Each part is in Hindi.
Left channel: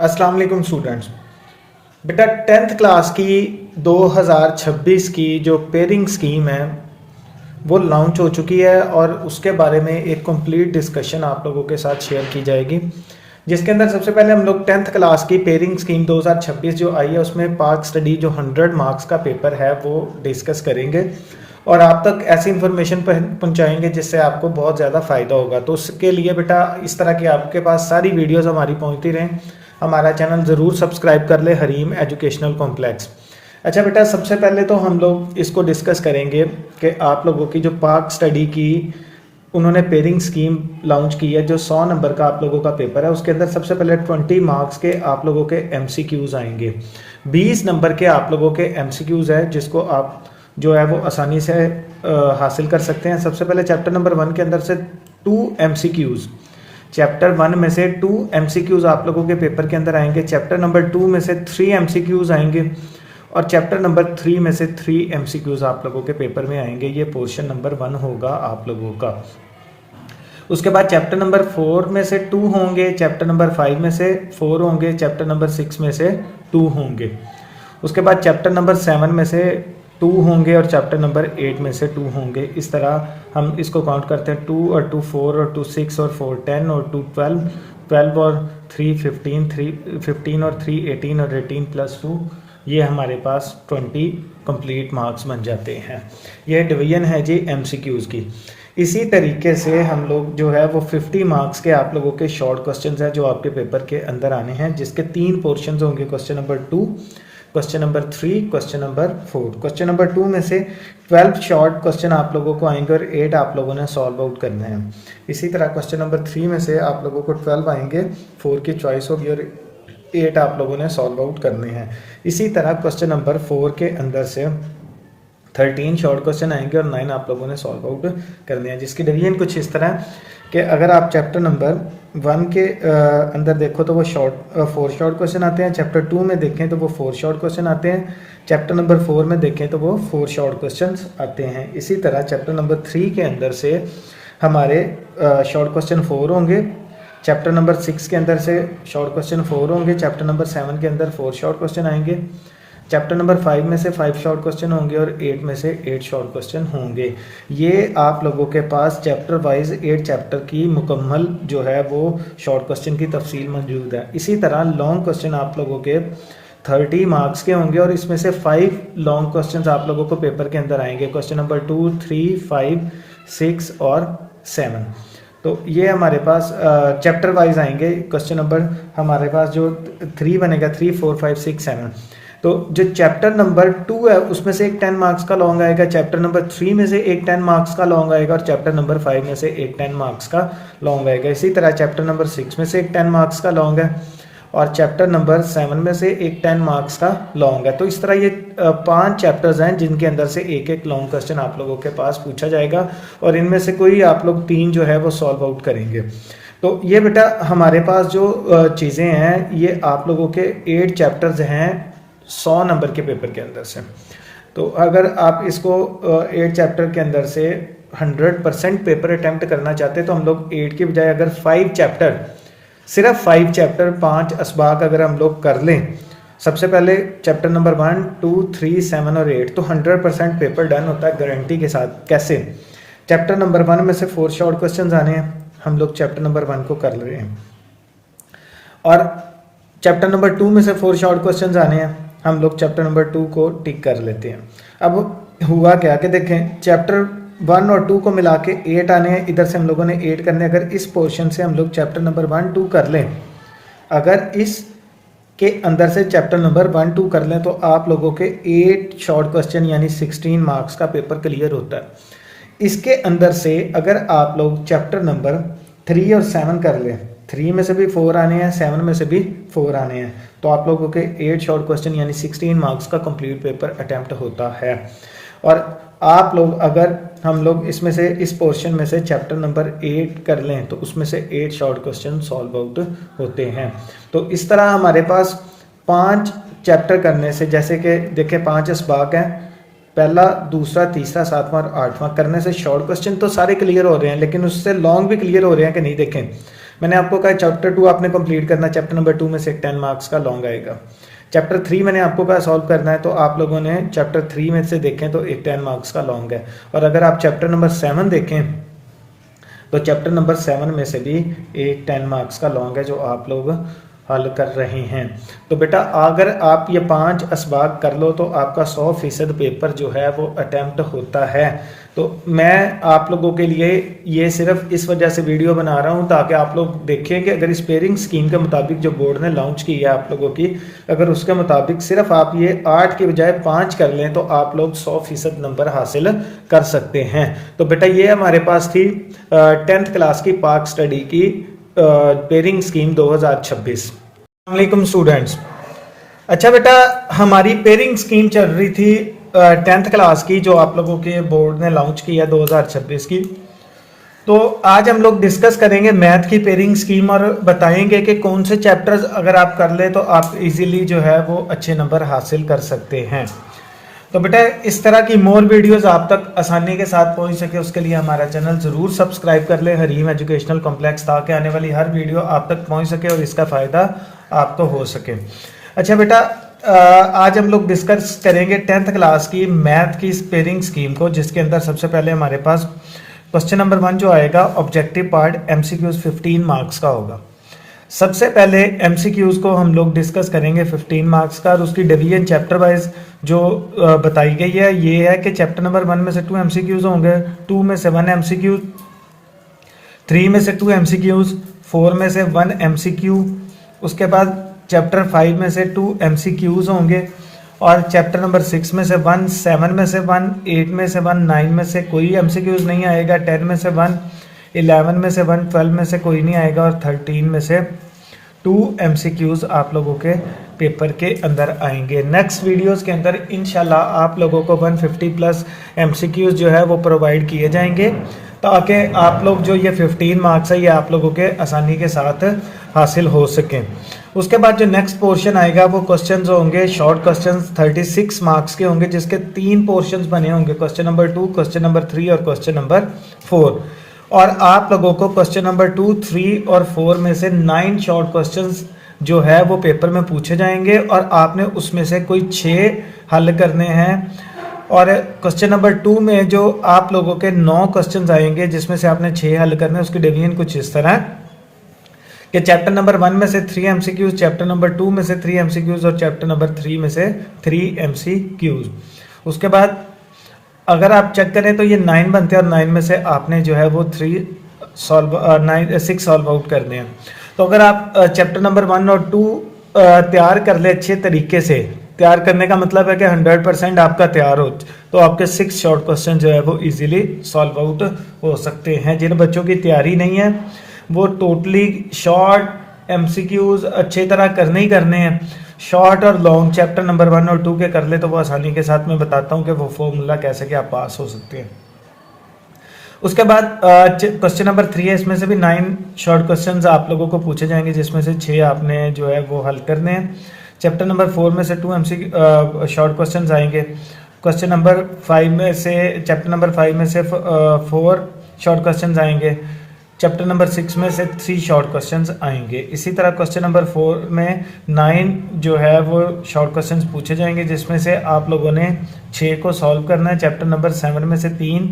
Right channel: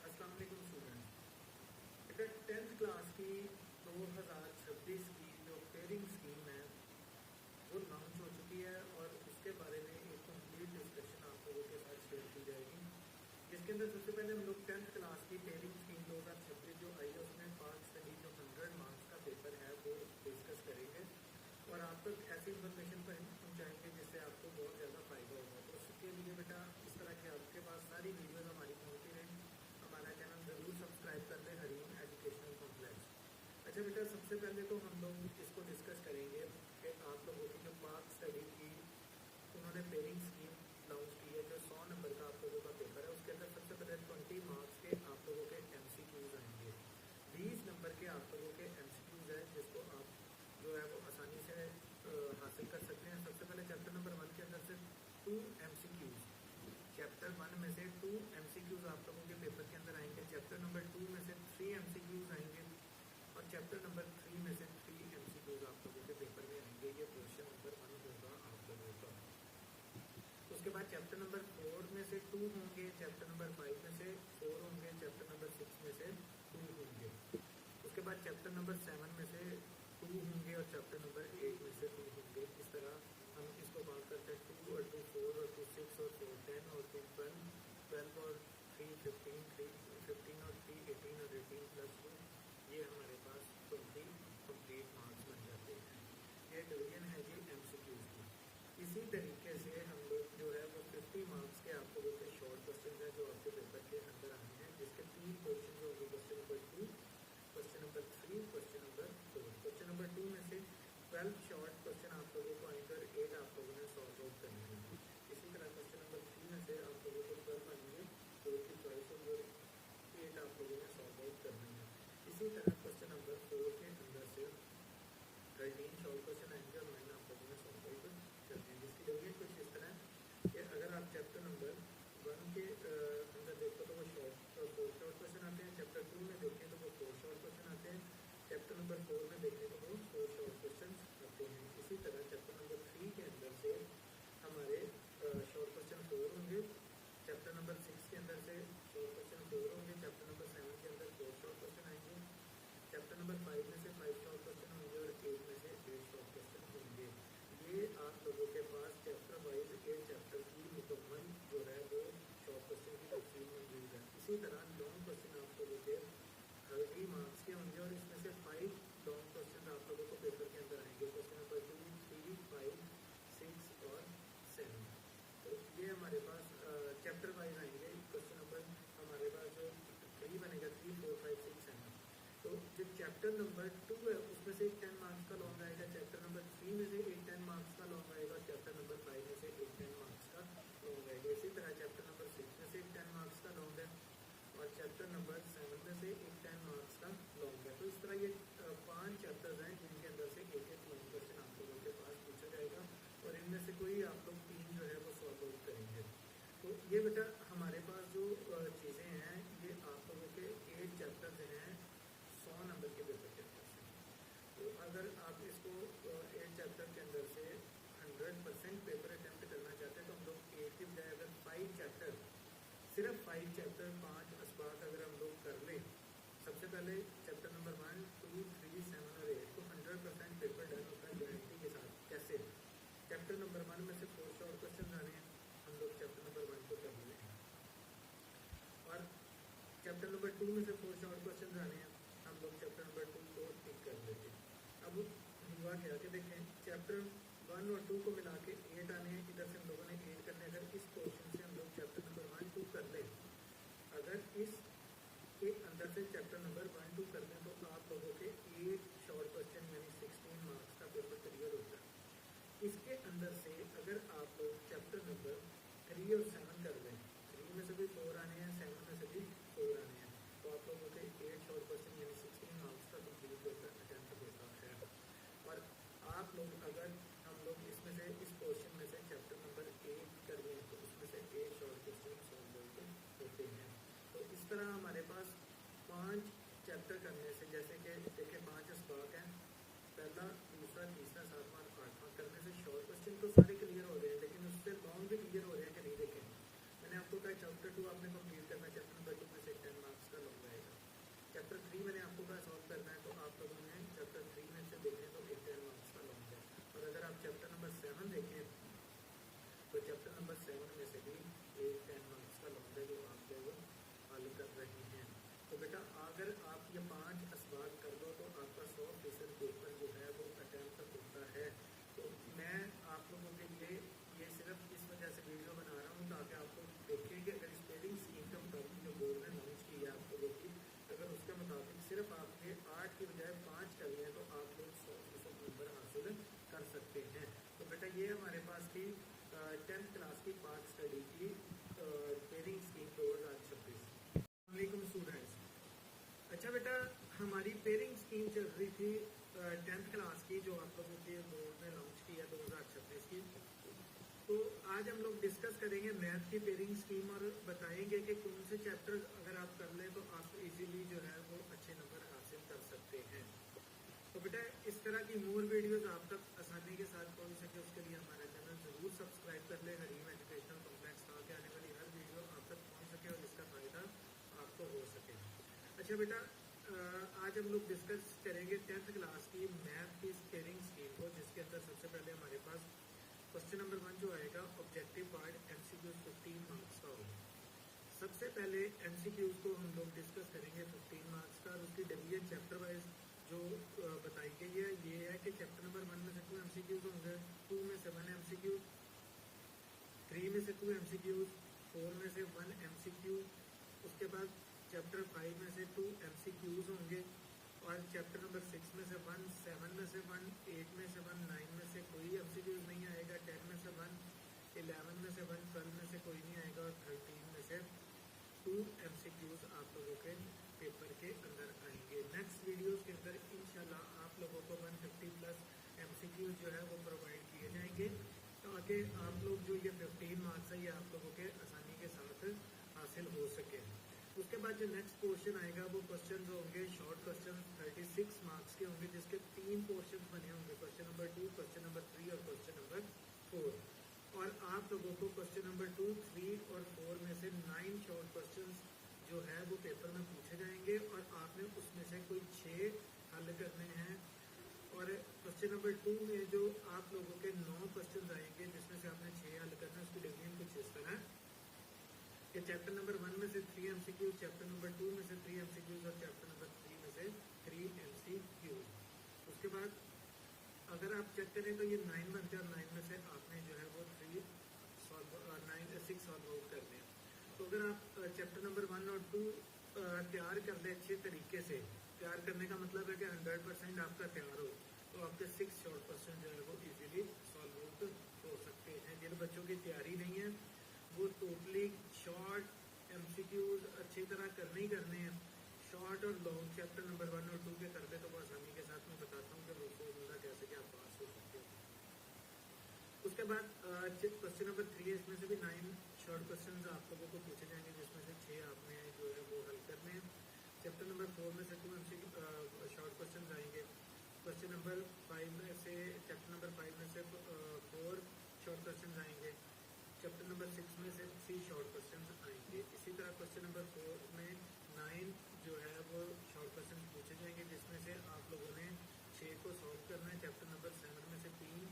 अस्सलाम वालेकुम स्टूडेंट्स। बेटा 10th क्लास की 2026 की जो पेयरिंग स्कीम है वो लॉन्च हो चुकी है और उसके बारे में एक कंप्लीट डिस्कशन आप लोगों के साथ शेयर की जाएगी, जिसके अंदर सबसे पहले हम लोग 10th क्लास की पेयरिंग स्कीम 2026 जो आई है उसमें पार्क स्टडी जो 100 मार्क्स का पेपर है वो डिस्कस करेंगे और आप तक ऐसी इन्फॉर्मेशन पहुंचाएंगे जिससे आपको बहुत ज़्यादा फ़ायदा होगा। तो उसके लिए बेटा इस तरह की आपके पास सारी वीडियोज़ हमारी पहुँचती रहें, हमारा चैनल ज़रूर सब्सक्राइब कर ले, हरीम एजुकेशनल कॉम्प्लेक्स। अच्छा बेटा, सबसे पहले तो हम लोग इसको डिस्कस करेंगे कि आप लोगों की जो पार्क स्टडी की उन्होंने पेयरिंग स्कीम लॉन्च की है, जो 100 नंबर का आप लोगों का पेपर है उसके अंदर सबसे पहले 20 मार्क्स के आप लोगों के एमसीक्यूज़ आएंगे। 20 नंबर के आप लोगों के एमसीक्यूज़ है जिसको आप जो है वो आसानी से हासिल कर सकते हैं। सबसे पहले चैप्टर नंबर 1 के अंदर से 2 एमसीक्यूज़, चैप्टर 1 में से 2 एमसीक्यूज़ आप लोगों के पेपर के अंदर आएंगे। चैप्टर नंबर 2 में से 3 एमसीक्यूज़ आएंगे और चैप्टर नंबर 3 में से 3 एमसीक्यूज़ आप लोगों के पेपर में आएंगे। ये पोर्शन नंबर 1 होगा आप लोगों का। उसके बाद चैप्टर नंबर 4 में से 2 होंगे, चैप्टर नंबर 5 में से 4 होंगे, चैप्टर नंबर 6 में से 2 होंगे। उसके बाद चैप्टर नंबर 7 में से 2 होंगे और चैप्टर नंबर 8 में से 2 होंगे। इस तरह हम इसको काउंट करते हैं, 2 और 2 4 और 2 6 और 4 10 और 2 12, 12 और 3 15, 3 15 और 3 18 और 18 प्लस 2, ये हमारे पास 20 कंप्लीट मार्क्स बन जाते हैं। यह डिवीजन है जी एमसीक्यूज़ की। इसी तरीके से हम लोग जो है वो 50 मार्क्स के आप लोगों के शॉर्ट क्वेश्चंस हैं जो आपके पेपर के अंदर आने हैं, जिसके 3 पोर्शंस होंगे, question number 2, question number 3, question number 4। Question number 2 में से 12 शॉर्ट क्वेश्चन आप लोगों को आएंगे और 8 आप लोगों ने सॉल्व आउट करने हैं। इसी तरह क्वेश्चन नंबर 3 में से आप लोगों को 12 आएंगे, 4 की चॉइस होगी और 8 आप लोगों ने सॉल्व आउट करने हैं। इसी तरह क्वेश्चन नंबर 4 के अंदर से 13 शॉर्ट क्वेश्चन आएंगे और 9 आप लोगों ने सॉल्व आउट करने हैं, जिसकी डिवीजन कुछ इस तरह कि अगर आप चैप्टर नंबर 1 के अंदर देखो तो वो 4 शॉर्ट क्वेश्चन आते हैं, चैप्टर 2 में देखें तो वो 4 शॉर्ट क्वेश्चन आते हैं, चैप्टर नंबर 4 में देखें तो वो 4 शॉर्ट क्वेश्चन आते हैं। इसी तरह चैप्टर नंबर 3 के अंदर से हमारे शॉर्ट क्वेश्चन 4 होंगे, चैप्टर नंबर 6 के अंदर से शॉर्ट क्वेश्चन 4 होंगे, चैप्टर नंबर 7 के अंदर 4 शॉर्ट क्वेश्चन आएंगे, चैप्टर नंबर 5 में से 5 शॉर्ट क्वेश्चन होंगे और 8 में से 8 शॉर्ट क्वेश्चन होंगे। ये आप लोगों के पास चैप्टर वाइज 8 चैप्टर की मुकम्मल जो है वो शॉर्ट क्वेश्चन की तफसील मौजूद है। इसी तरह लॉन्ग क्वेश्चन आप लोगों के 30 मार्क्स के होंगे और इसमें से 5 लॉन्ग क्वेश्चन आप लोगों को पेपर के अंदर आएंगे, क्वेश्चन नंबर 2, 3, 5, 6 और 7। तो ये हमारे पास चैप्टर वाइज आएंगे। क्वेश्चन नंबर हमारे पास जो 3 बनेगा, 3, 4, 5, 6, 7। तो जो चैप्टर नंबर 2 है उसमें से एक 10 मार्क्स का लॉन्ग आएगा, चैप्टर नंबर 3 में से एक 10 मार्क्स का लॉन्ग आएगा और चैप्टर नंबर 5 में से एक 10 मार्क्स का लॉन्ग आएगा। इसी तरह चैप्टर नंबर 6 में से एक 10 मार्क्स का लॉन्ग है और चैप्टर नंबर 7 में से एक 10 मार्क्स का लॉन्ग है। तो इस तरह ये 5 चैप्टर्स हैं जिनके अंदर से एक एक लॉन्ग क्वेश्चन आप लोगों के पास पूछा जाएगा और इनमें से कोई आप लोग 3 जो है वो सॉल्व आउट करेंगे। तो ये बेटा हमारे पास जो चीज़ें हैं ये आप लोगों के 8 चैप्टर्स हैं 100 नंबर के पेपर के अंदर से। तो अगर आप इसको 8 चैप्टर के अंदर से 100% पेपर अटैम्प्ट करना चाहते हैं तो हम लोग 8 के बजाय अगर 5 चैप्टर, सिर्फ 5 चैप्टर 5 असबाक अगर हम लोग कर लें, सबसे पहले चैप्टर नंबर 1, 2, 3, 7 और 8, तो 100% पेपर डन होता है गारंटी के साथ। कैसे? चैप्टर नंबर 1 में से 4 शॉर्ट क्वेश्चन आने हैं, हम लोग चैप्टर नंबर 1 को कर रहे हैं और चैप्टर नंबर 2 में से 4 शॉर्ट क्वेश्चन आने हैं, हम लोग चैप्टर नंबर 2 को टिक कर लेते हैं। अब हुआ क्या कि देखें, चैप्टर 1 और 2 को मिला के 8 आने हैं, इधर से हम लोगों ने 8 करने। अगर इस पोर्शन से हम लोग चैप्टर नंबर 1, 2 कर लें, अगर इस के अंदर से चैप्टर नंबर 1, 2 कर लें तो आप लोगों के 8 शॉर्ट क्वेश्चन यानी 16 मार्क्स का पेपर क्लियर होता है। इसके अंदर से अगर आप लोग चैप्टर नंबर 3 और 7 कर लें, 3 में से भी 4 आने हैं, 7 में से भी 4 आने हैं, तो आप लोगों के 8 शॉर्ट क्वेश्चन यानी 16 मार्क्स का कंप्लीट पेपर अटैम्प्ट होता है। और आप लोग अगर हम लोग इसमें से इस पोर्शन में से चैप्टर नंबर 8 कर लें तो उसमें से 8 शॉर्ट क्वेश्चन सॉल्व आउट होते हैं। तो इस तरह हमारे पास 5 चैप्टर करने से, जैसे कि देखें 5 असबाक हैं, पहला, दूसरा, तीसरा, 7वां और 8वां करने से शॉर्ट क्वेश्चन तो सारे क्लियर हो रहे हैं, लेकिन उससे लॉन्ग भी क्लियर हो रहे हैं कि नहीं। देखें मैंने आपको कहा चैप्टर 2 आपने कंप्लीट करना, चैप्टर नंबर 2 में से 10 मार्क्स का लॉन्ग आएगा। चैप्टर 3 मैंने आपको कहा सॉल्व करना है, तो आप लोगों ने चैप्टर 3 में से देखें तो एक 10 मार्क्स का लॉन्ग है। और अगर आप चैप्टर नंबर 7 देखें तो चैप्टर नंबर 7 में से भी एक 10 मार्क्स का लॉन्ग है जो आप लोग हल कर रहे हैं। तो बेटा अगर आप ये 5 असबाग कर लो तो आपका 100% पेपर जो है वो अटैम्प्ट होता है। तो मैं आप लोगों के लिए ये सिर्फ इस वजह से वीडियो बना रहा हूँ ताकि आप लोग देखें कि अगर इस पेयरिंग स्कीम के मुताबिक जो बोर्ड ने लॉन्च की है आप लोगों की, अगर उसके मुताबिक सिर्फ आप ये 8 के बजाय 5 कर लें तो आप लोग 100% नंबर हासिल कर सकते हैं। तो बेटा ये हमारे पास थी 10th क्लास की पाक स्टडी की पेयरिंग स्कीम 2026। वालेकुम स्टूडेंट्स। अच्छा बेटा हमारी पेयरिंग स्कीम चल रही थी 10th क्लास की जो आप लोगों के बोर्ड ने लॉन्च की है 2026 की। तो आज हम लोग डिस्कस करेंगे मैथ की पेयरिंग स्कीम और बताएंगे कि कौन से चैप्टर्स अगर आप कर ले तो आप इजीली जो है वो अच्छे नंबर हासिल कर सकते हैं। तो बेटा इस तरह की मोर वीडियोस आप तक आसानी के साथ पहुंच सके उसके लिए हमारा चैनल ज़रूर सब्सक्राइब कर लें, हरीम एजुकेशनल कॉम्प्लेक्स, ताकि आने वाली हर वीडियो आप तक पहुंच सके और इसका फ़ायदा आपको हो सके। अच्छा बेटा आज हम लोग डिस्कस करेंगे 10th क्लास की मैथ की पेयरिंग स्कीम को, जिसके अंदर सबसे पहले हमारे पास क्वेश्चन नंबर 1 जो आएगा ऑब्जेक्टिव पार्ट MCQs 15 मार्क्स का होगा। सबसे पहले MCQs को हम लोग डिस्कस करेंगे 15 मार्क्स का, और उसकी डिवीजन चैप्टर वाइज जो बताई गई है ये है कि चैप्टर नंबर 1 में से 2 MCQs होंगे, 2 में से 1 MCQ, 3 में से 2 MCQs, 4 में से 1 MCQ, उसके बाद चैप्टर 5 में से 2 MCQs होंगे, और चैप्टर नंबर 6 में से 1, 7 में से 1, 8 में से 1, 9 में से कोई MCQs नहीं आएगा, 10 में से 1, 11 में से 1, 12 में से कोई नहीं आएगा, और 13 में से 2 MCQs आप लोगों के पेपर के अंदर आएंगे। नेक्स्ट वीडियोस के अंदर इंशाल्लाह आप लोगों को 150 प्लस MCQs जो है वो प्रोवाइड किए जाएंगे, ताकि आप लोग जो ये 15 मार्क्स है ये आप लोगों के आसानी के साथ हासिल हो सकें। उसके बाद जो नेक्स्ट पोर्शन आएगा वो क्वेश्चंस होंगे, शॉर्ट क्वेश्चंस 36 मार्क्स के होंगे, जिसके 3 पोर्शंस बने होंगे, क्वेश्चन नंबर 2, क्वेश्चन नंबर 3 और क्वेश्चन नंबर 4। और आप लोगों को क्वेश्चन नंबर 2, 3 और 4 में से 9 शॉर्ट क्वेश्चंस जो है वो पेपर में पूछे जाएंगे, और आपने उसमें से कोई 6 हल करने हैं। और क्वेश्चन नंबर 2 में जो आप लोगों के 9 क्वेश्चंस आएंगे जिसमें से आपने 6 हल करने हैं, उसकी डिवीजन कुछ इस तरह कि चैप्टर नंबर 1 में से 3 MCQs, चैप्टर नंबर 2 में से 3 MCQs और चैप्टर नंबर 3 में से 3 MCQs। उसके बाद अगर आप चेक करें तो ये 9 बनते हैं, और 9 में से आपने जो है वो 6 सॉल्व आउट करने हैं। तो अगर आप चैप्टर नंबर 1 और 2 तैयार कर ले अच्छे तरीके से, तैयार करने का मतलब है कि 100% आपका तैयार हो, तो आपके 6 शॉर्ट क्वेश्चन जो है वो इजीली सॉल्व आउट हो सकते हैं। जिन बच्चों की तैयारी नहीं है वो टोटली शॉर्ट MCQs अच्छी तरह करने ही करने हैं, शॉर्ट और लॉन्ग चैप्टर नंबर 1 और 2 के कर ले तो वो आसानी के साथ मैं बताता हूँ कि वो फॉर्मूला कैसे कि आप पास हो सकते हैं। उसके बाद क्वेश्चन नंबर 3 है, इसमें से भी 9 शॉर्ट क्वेश्चंस आप लोगों को पूछे जाएंगे, जिसमें से 6 आपने जो है वो हल करने हैं। चैप्टर नंबर 4 में से 2 MCQ शॉर्ट क्वेश्चंस आएंगे, क्वेश्चन नंबर 5 में से चैप्टर नंबर 5 में से 4 शॉर्ट क्वेश्चंस आएंगे, चैप्टर नंबर 6 में से 3 शॉर्ट क्वेश्चंस आएंगे। इसी तरह क्वेश्चन नंबर 4 में 9 जो है वो शॉर्ट क्वेश्चंस पूछे जाएंगे, जिसमें से आप लोगों ने 6 को सॉल्व करना है। चैप्टर नंबर 7 में से 3,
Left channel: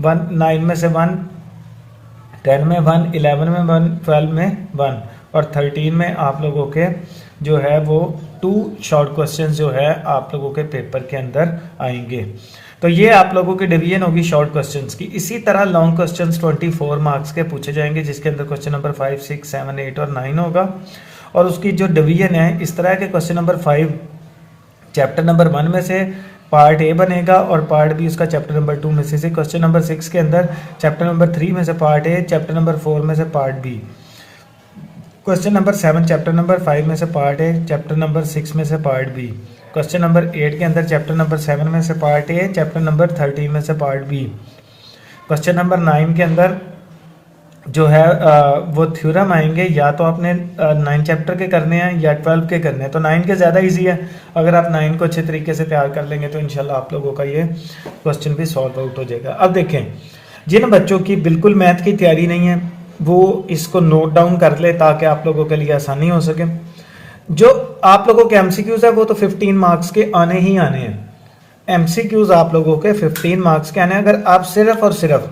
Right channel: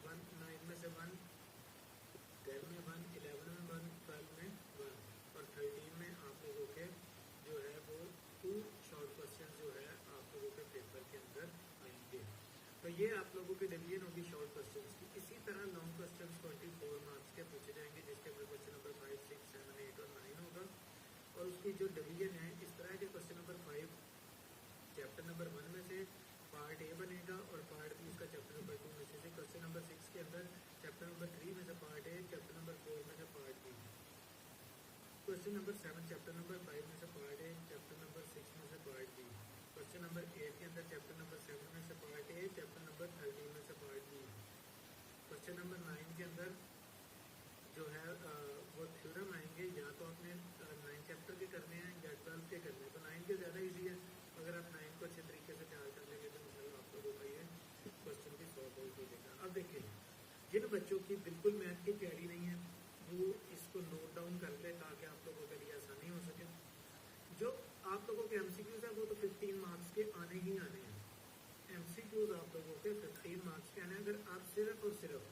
9 में से 1, 10 में 1, 11 में 1, 12 में 1 और 13 में आप लोगों के जो है वो 2 शॉर्ट क्वेश्चंस जो है आप लोगों के पेपर के अंदर आएंगे। तो ये आप लोगों की डिवीजन होगी शॉर्ट क्वेश्चंस की। इसी तरह लॉन्ग क्वेश्चंस 24 मार्क्स के पूछे जाएंगे, जिसके अंदर क्वेश्चन नंबर 5, 6, 7, 8 और 9 होगा। और उसकी जो डिवीजन है इस तरह के, क्वेश्चन नंबर 5 चैप्टर नंबर 1 में से पार्ट ए बनेगा और पार्ट बी उसका चैप्टर नंबर 2 में से। क्वेश्चन नंबर 6 के अंदर चैप्टर नंबर 3 में से पार्ट ए, चैप्टर नंबर 4 में से part B. Question number 7 chapter number 5 में से पार्ट ए, चैप्टर नंबर 6 में से पार्ट बी। क्वेश्चन नंबर 8 के अंदर चैप्टर नंबर 7 में से पार्ट ए, चैप्टर नंबर 13 में से पार्ट बी। क्वेश्चन नंबर 9 के अंदर जो है वो थ्योरम आएंगे, या तो आपने 9 चैप्टर के करने हैं या 12 के करने हैं। तो 9 के ज़्यादा इजी है, अगर आप 9 को अच्छे तरीके से तैयार कर लेंगे तो इंशाल्लाह आप लोगों का ये क्वेश्चन भी सॉल्व आउट हो जाएगा। अब देखें, जिन बच्चों की बिल्कुल मैथ की तैयारी नहीं है वो इसको नोट डाउन कर ले ताकि आप लोगों के लिए आसानी हो सके। जो आप लोगों के एमसीक्यूज है वो तो 15 मार्क्स के आने ही आने हैं। एमसीक्यूज आप लोगों के 15 मार्क्स के आने हैं। अगर आप सिर्फ और सिर्फ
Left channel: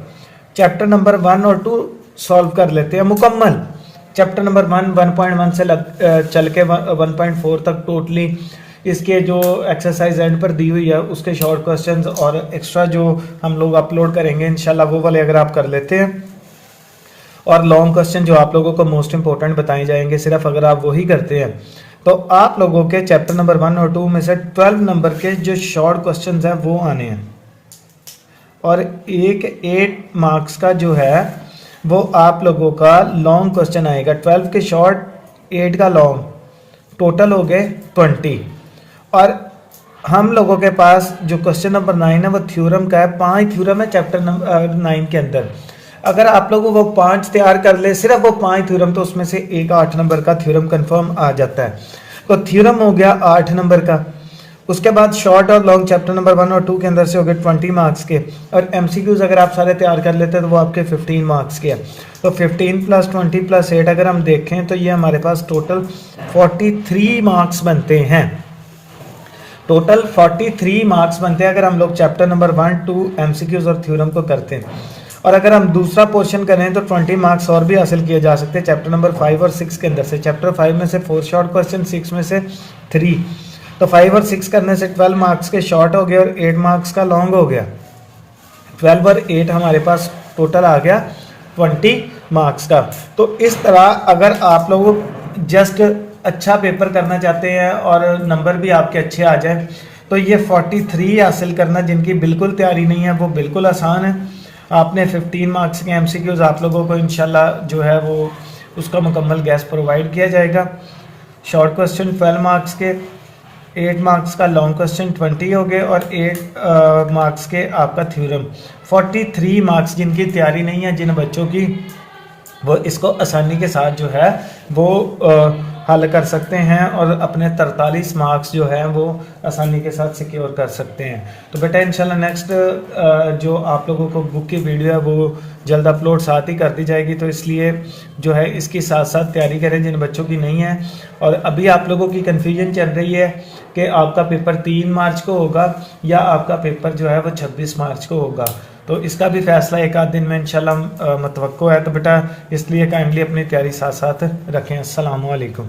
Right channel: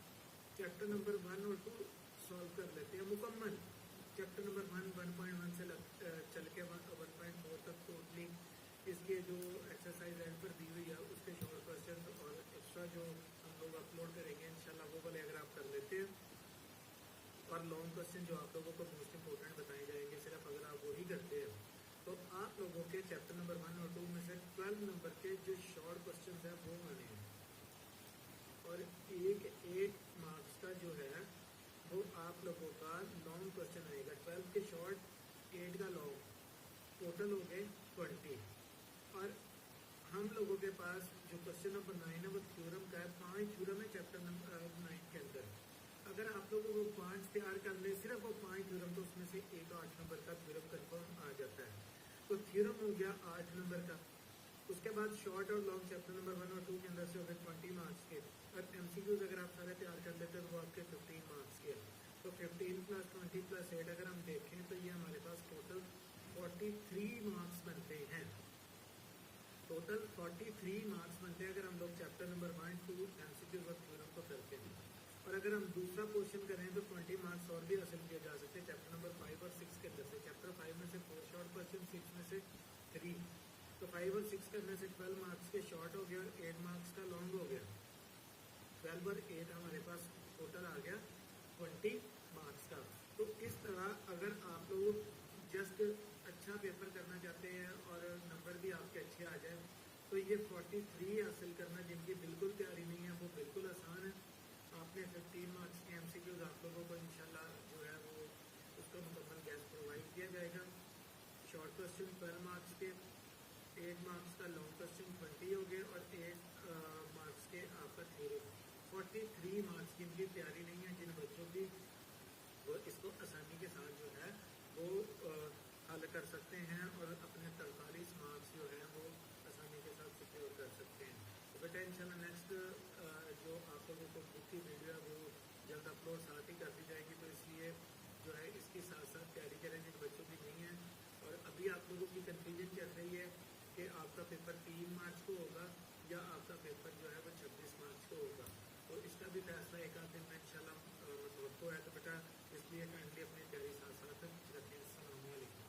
चैप्टर नंबर 1 और 2 सॉल्व कर लेते हैं मुकम्मल, चैप्टर नंबर 1 से चल के 1.4 तक टोटली इसके जो एक्सरसाइज एंड पर दी हुई है उसके शॉर्ट क्वेश्चंस और एक्स्ट्रा जो हम लोग अपलोड करेंगे इंशाल्लाह वो वाले अगर आप कर लेते हैं, और लॉन्ग क्वेश्चन जो आप लोगों को मोस्ट इंपॉर्टेंट बताए जाएंगे सिर्फ अगर आप वही करते हैं, तो आप लोगों के चैप्टर नंबर 1 और 2 में से 12 नंबर के जो शॉर्ट क्वेश्चंस हैं वो आने हैं। और एक 8 मार्क्स का जो है वो आप लोगों का लॉन्ग क्वेश्चन आएगा। 12 के शॉर्ट, 8 का लॉन्ग, टोटल हो गए 20। और हम लोगों के पास जो क्वेश्चन नंबर 9 है वो थ्योरम का है। 5 थ्योरम है चैप्टर नंबर 9 के अंदर। अगर आप लोगों वो 5 तैयार कर ले, सिर्फ वो 5 थ्योरम, तो उसमें से एक 8 नंबर का थ्योरम कंफर्म आ जाता है। तो थ्योरम हो गया 8 नंबर का। उसके बाद शॉर्ट और लॉन्ग चैप्टर नंबर 1 और 2 के अंदर से हो गए 20 मार्क्स के। और एमसीक्यूज अगर आप सारे तैयार कर लेते हैं तो वो आपके 15 मार्क्स के हैं। तो 15 + 20 + 8 अगर हम देखें तो ये हमारे पास टोटल 43 मार्क्स बनते हैं। टोटल 43 मार्क्स बनते हैं अगर हम लोग चैप्टर नंबर 1, 2 एमसीक्यूज और थ्योरम को करते हैं। और अगर हम दूसरा पोर्शन करें तो 20 मार्क्स और भी हासिल किए जा सकते हैं चैप्टर नंबर 5 और 6 के अंदर से। चैप्टर 5 में से 4 शॉर्ट क्वेश्चन, 6 में से 3। तो 5 और 6 करने से 12 मार्क्स के शॉर्ट हो गए और 8 मार्क्स का लॉन्ग हो गया। 12 और 8 हमारे पास टोटल आ गया 20 मार्क्स का। तो इस तरह अगर आप लोग जस्ट अच्छा पेपर करना चाहते हैं और नंबर भी आपके अच्छे आ जाए तो ये 43 हासिल करना, जिनकी बिल्कुल तैयारी नहीं है, वो बिल्कुल आसान है। आपने 15 मार्क्स के एमसीक्यूज आप लोगों को इंशाल्लाह जो है वो उसका मुकम्मल गैस प्रोवाइड किया जाएगा। शॉर्ट क्वेश्चन 12 मार्क्स के, 8 मार्क्स का लॉन्ग क्वेश्चन 20 हो गए और 8 मार्क्स के आपका थ्योरम। 43 मार्क्स जिनकी तैयारी नहीं है, जिन बच्चों की, वो इसको आसानी के साथ जो है वो हल कर सकते हैं और अपने 43 मार्क्स जो है वो आसानी के साथ सिक्योर कर सकते हैं। तो बेटा इंशाल्लाह नेक्स्ट जो आप लोगों को बुक की वीडियो है वो जल्द अपलोड साथ ही कर दी जाएगी। तो इसलिए जो है इसकी साथ साथ तैयारी करें जिन बच्चों की नहीं है। और अभी आप लोगों की कन्फ्यूजन चल रही है कि आपका पेपर 3 मार्च को होगा या आपका पेपर जो है वो 26 मार्च को होगा। तो इसका भी फैसला एक आध दिन में इंशाल्लाह मतवक्को है। तो बेटा इसलिए काइंडली अपनी तैयारी साथ साथ रखें। अस्सलाम वालेकुम।